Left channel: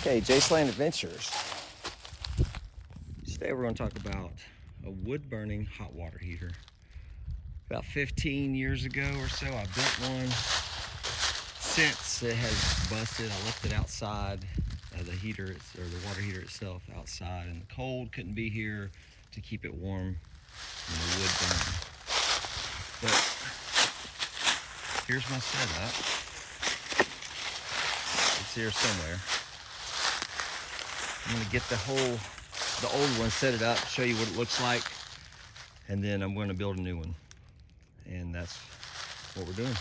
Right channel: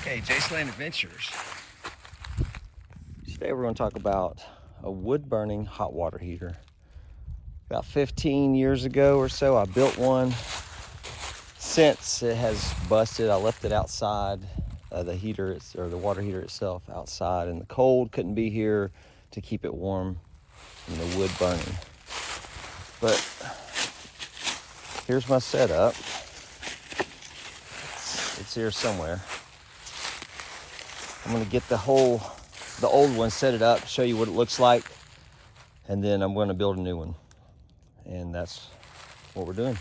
Okay, Jaceland Adventures. Today we're going to talk about a wood-burning hot water heater. About 15 years ago or so, I built one. Since it has busted, I left it outside, the heater, or the water heater itself outside, and the cold couldn't be here to keep it warm and the wood burning. But here's my setup. It's here somewhere. I'm gonna get the old one, set it up, show you what it looks like, and then I'm gonna build a new one. And that's what we're doing.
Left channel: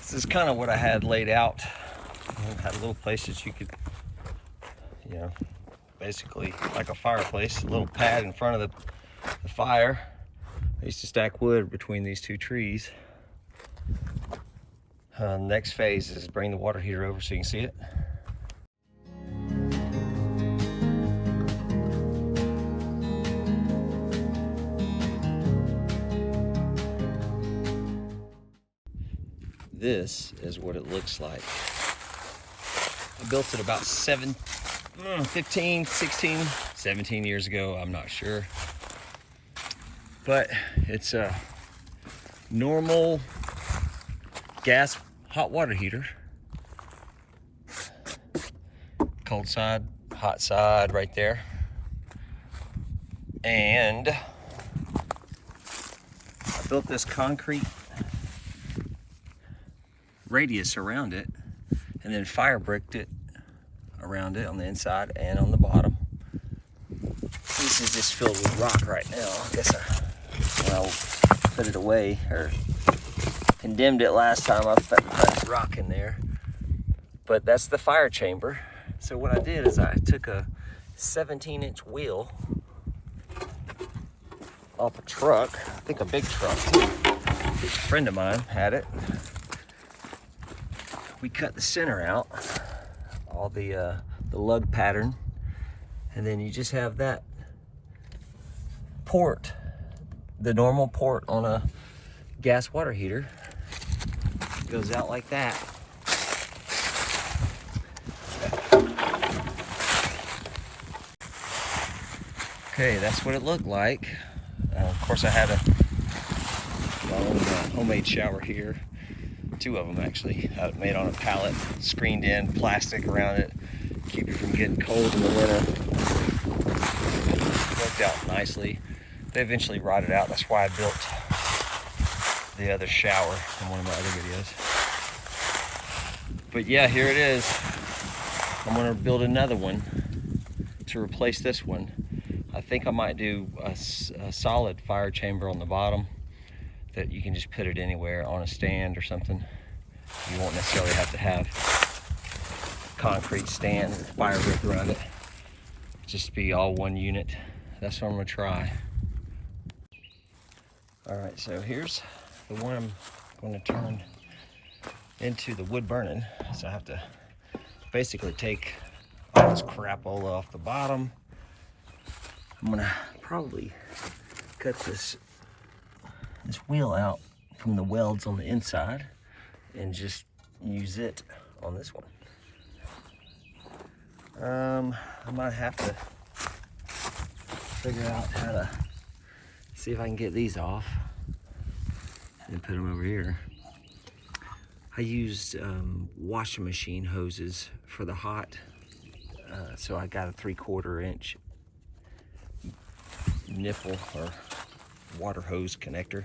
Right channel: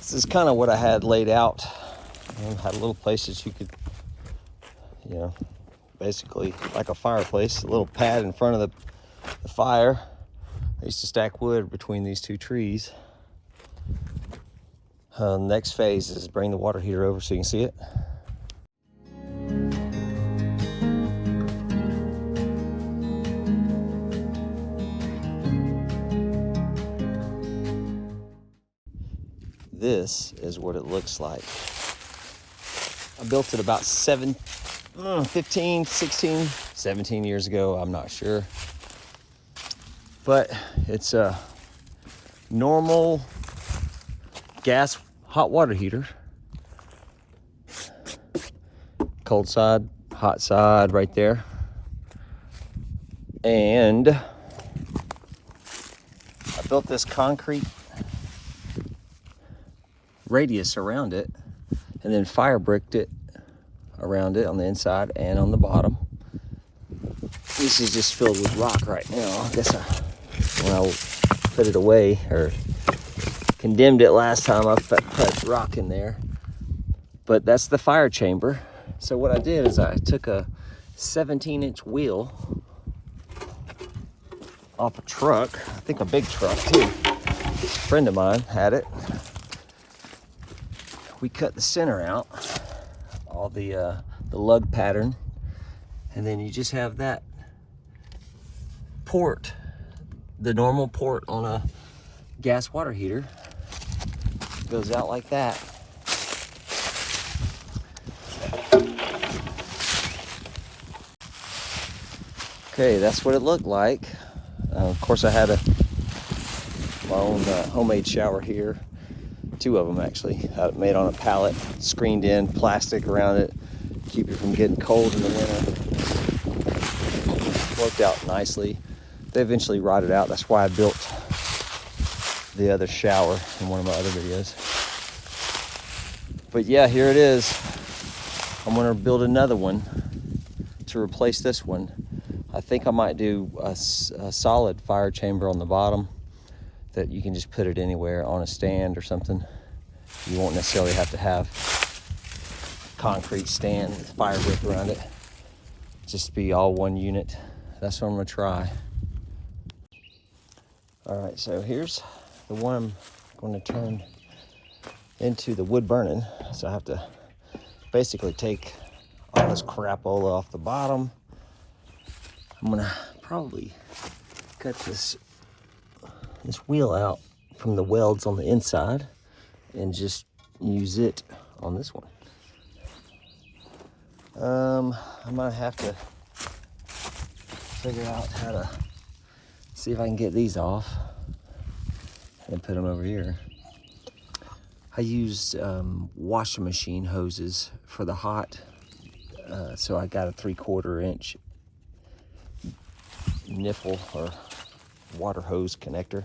This is kind of what I had laid out. I had a little place that you could, basically like a fireplace, a little pad in front of the fire. I used to stack wood between these two trees. Next phase is bring the water heater over so you can see it. This is what it looks like. I built it about 15, 16, 17 years ago, I'm not sure. But it's a normal gas hot water heater. Cold side, hot side right there. And I built this concrete radius around it and then fire bricked it around it on the inside and on the bottom. This is just filled with rock right now. I guess I'll put it away, or condemned it last time. I put rock in there, but that's the fire chamber. So what I did is I took a 17-inch wheel off a truck, I think a big truck too. A friend of mine had it. We cut the center out, all the lug pattern, and then you just have that port, the normal port on a gas water heater. It goes out like that. Okay, that's what it looked like. Of course, I had my own homemade shower here. Two of them actually, made on a pallet, screened in, plastic around it, keep you from getting cold in the winter. Worked out nicely. They eventually rotted out. That's why I built the other shower in one of my other videos. But yeah, here it is. I'm gonna build another one to replace this one. I think I might do a solid fire chamber on the bottom that you can just put it anywhere on a stand or something. You won't necessarily have to have a concrete stand with fire brick around it. Just be all one unit. That's what I'm gonna try. All right, so here's the one I'm going to turn into the wood burning. So I have to basically take all this crapola off the bottom. I'm gonna probably cut this wheel out from the welds on the inside and just use it on this one. I might have to figure out how to see if I can get these off and put them over here. I used washing machine hoses for the hot, so I got a 3/4 inch nipple or water hose connector.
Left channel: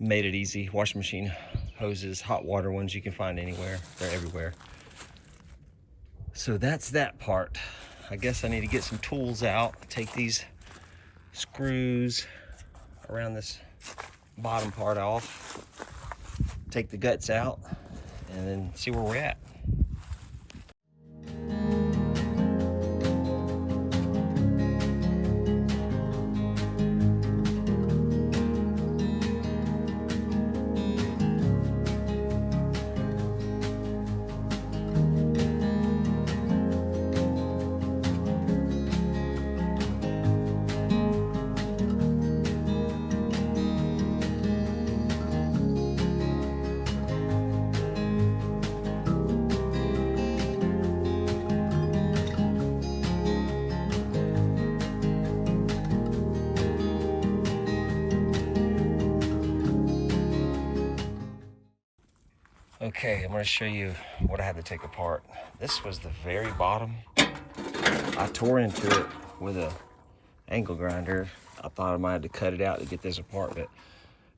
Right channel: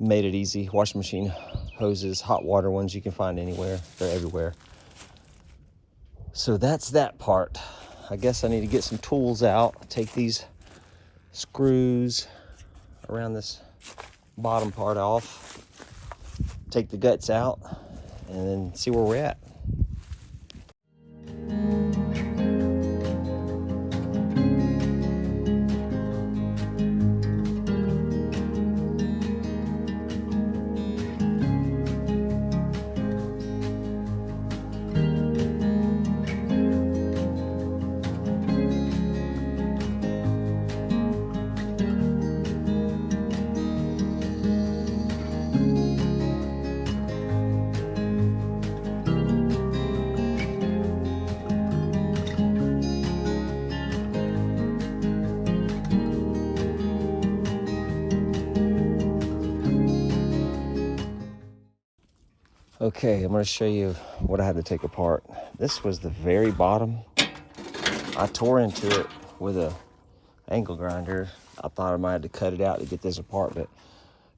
Made it easy. Washing machine hoses, hot water ones, you can find anywhere. They're everywhere. So that's that part. I guess I need to get some tools out, take these screws around this bottom part off, take the guts out, and then see where we're at. Okay, I'm gonna show you what I had to take apart. This was the very bottom. I tore into it with a angle grinder. I thought I might have to cut it out to get this apart, but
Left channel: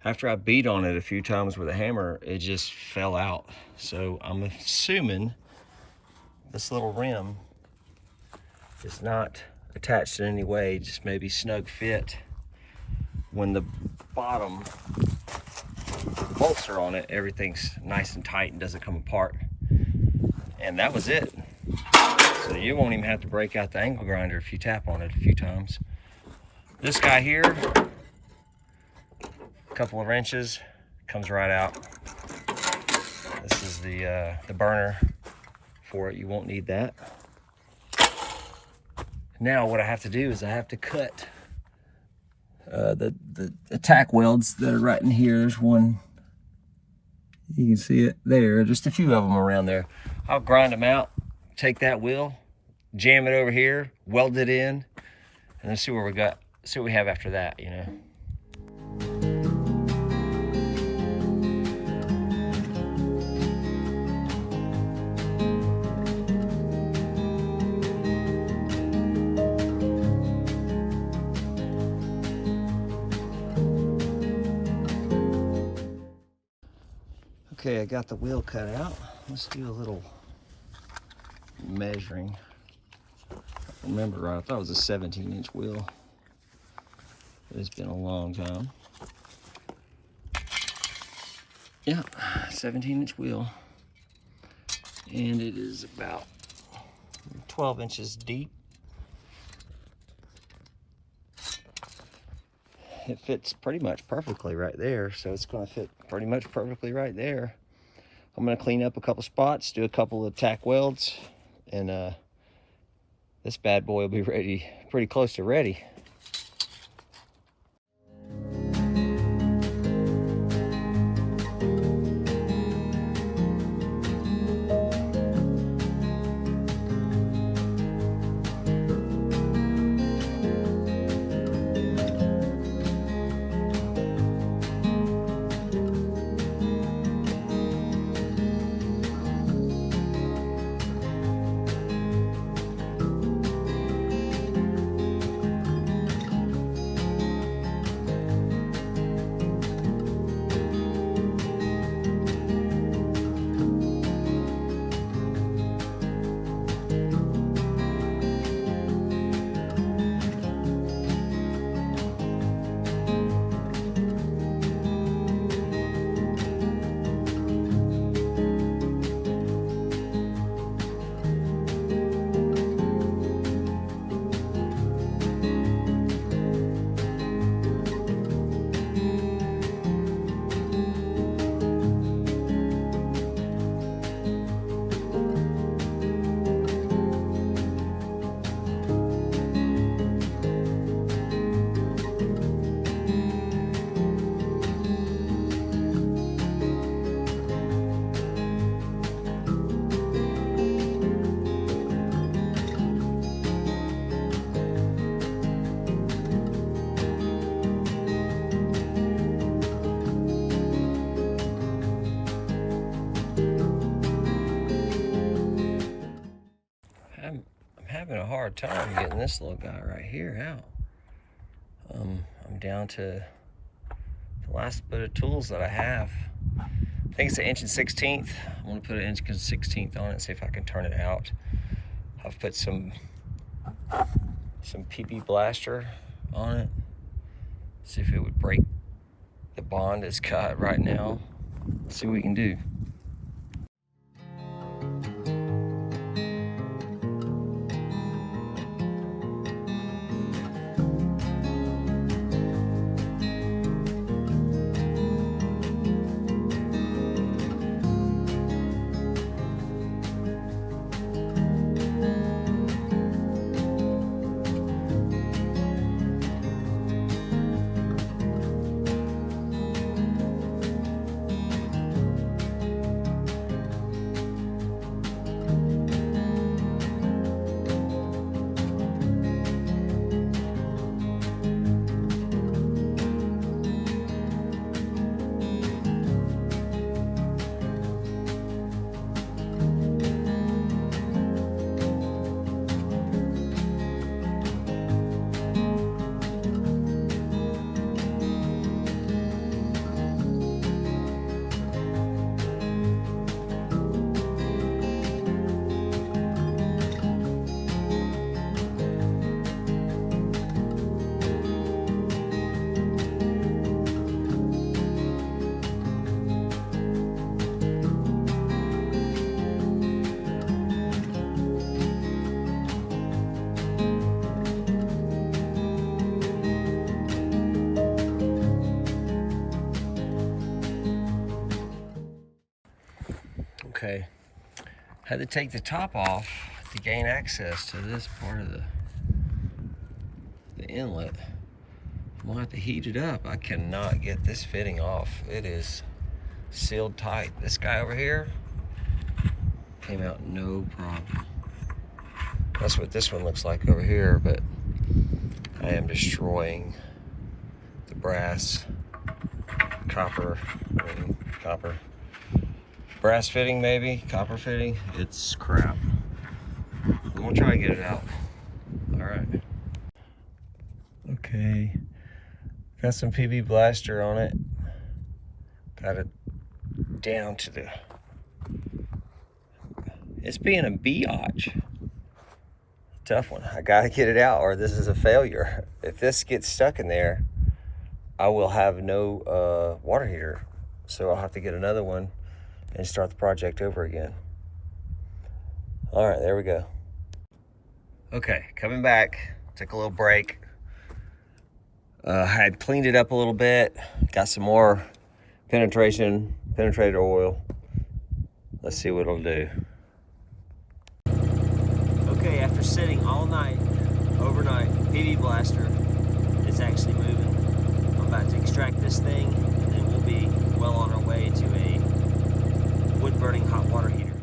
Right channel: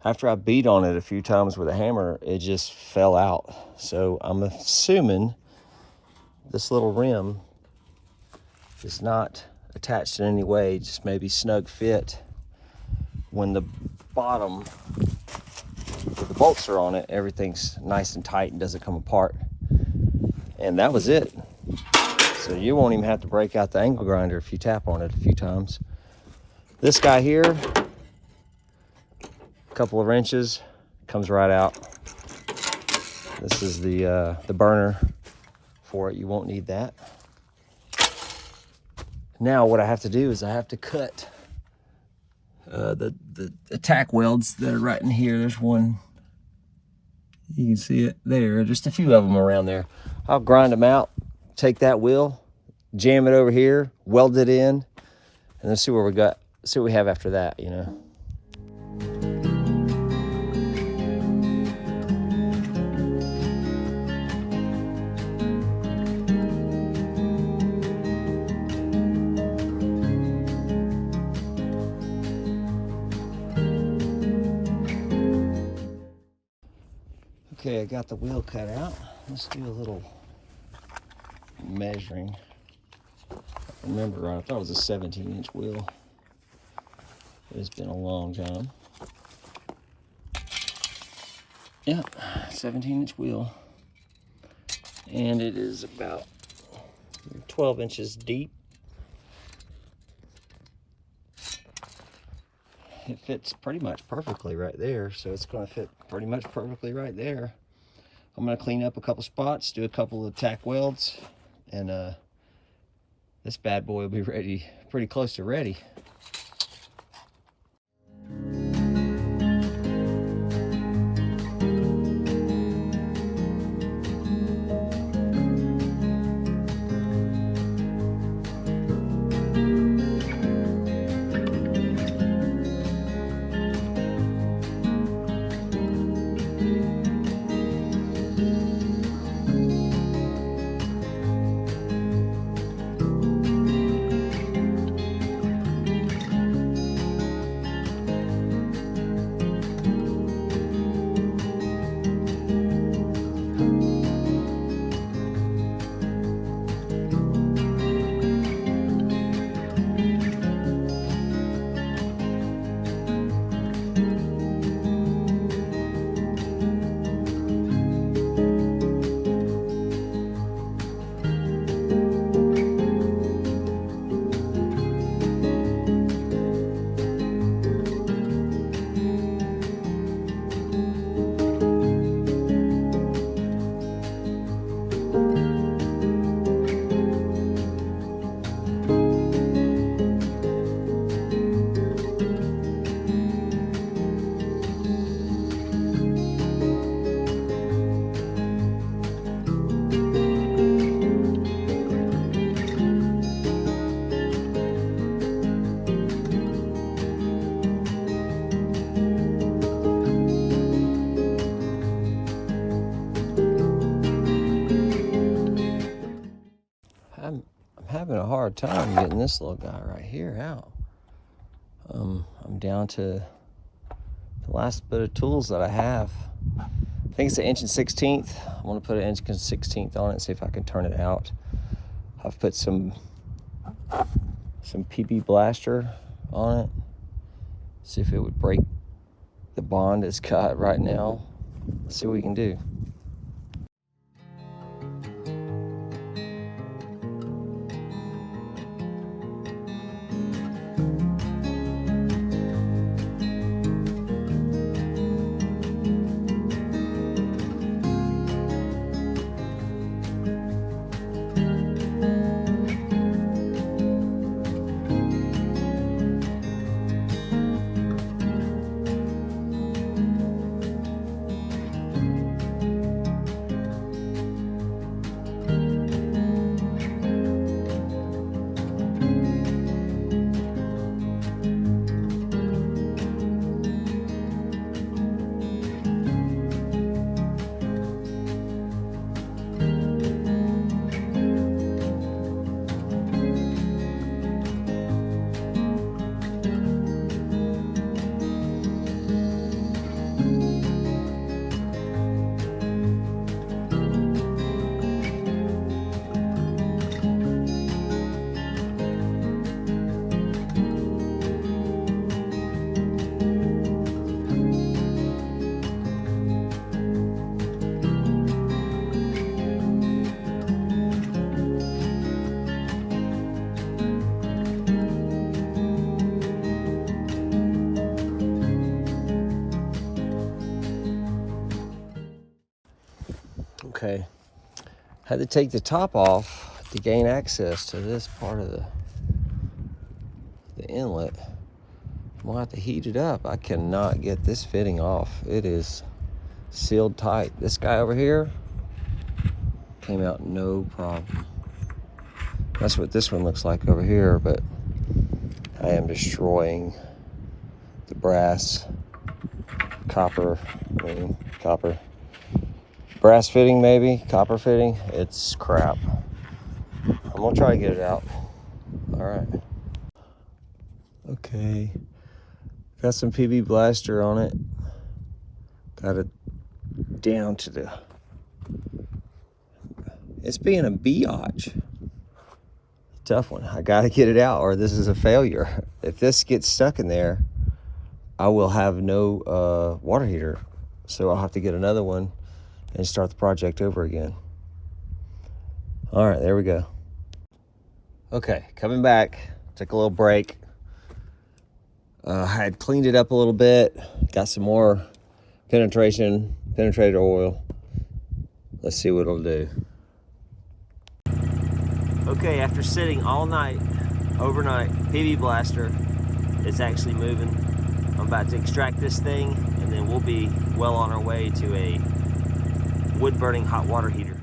after I beat on it a few times with a hammer, it just fell out. So I'm assuming this little rim is not attached in any way, just maybe snug fit. When the bottom, the bolts are on it, everything's nice and tight and doesn't come apart. And that was it. So you won't even have to break out the angle grinder if you tap on it a few times. This guy here, a couple of wrenches, comes right out. This is the burner for it. You won't need that. Now what I have to do is I have to cut the tack welds that are right in here. There's one, you can see it there, just a few of them around there. I'll grind them out, take that wheel, jam it over here, weld it in, and then see where we got, see what we have after that, you know. Okay, I got the wheel cut out. Let's do a little measuring. If I remember right, I thought it was a 17-inch wheel. It's been a long time. Yeah, 17-inch wheel. And it is about 12 inches deep. It fits pretty much perfectly right there, so it's going to fit pretty much perfectly right there. I'm going to clean up a couple spots, do a couple of tack welds, and this bad boy will be ready, pretty close to ready. Having a hard time getting this little guy right here out. I'm down to the last bit of tools that I have. I think it's an 1 16". I want to put an 1 16" on it and see if I can turn it out. I've put some PB Blaster on it. See if it would break the bond it's got right now. See what we can do. Okay, had to take the top off to gain access to this part of the inlet. We'll have to heat it up. I cannot get this fitting off. It is sealed tight. This guy over here came out no problem. That's what this one looks like over here, but I am destroying the brass, copper brass fitting, maybe copper fitting. It's crap. I'm gonna try to get it out. All right. Okay, got some PB Blaster on it. Got it down to the, it's being a biatch. Tough one. I gotta get it out or this is a failure. If this gets stuck in there, I will have no water heater. So I'll have to get another one and start the project over again. All right, there we go. Okay, coming back, took a little break. I had cleaned it up a little bit, got some more penetrator oil. Let's see what it'll do. Okay, after sitting all night, overnight, PB Blaster is actually moving. I'm about to extract this thing and then we'll be well on our way to a wood burning hot water heater.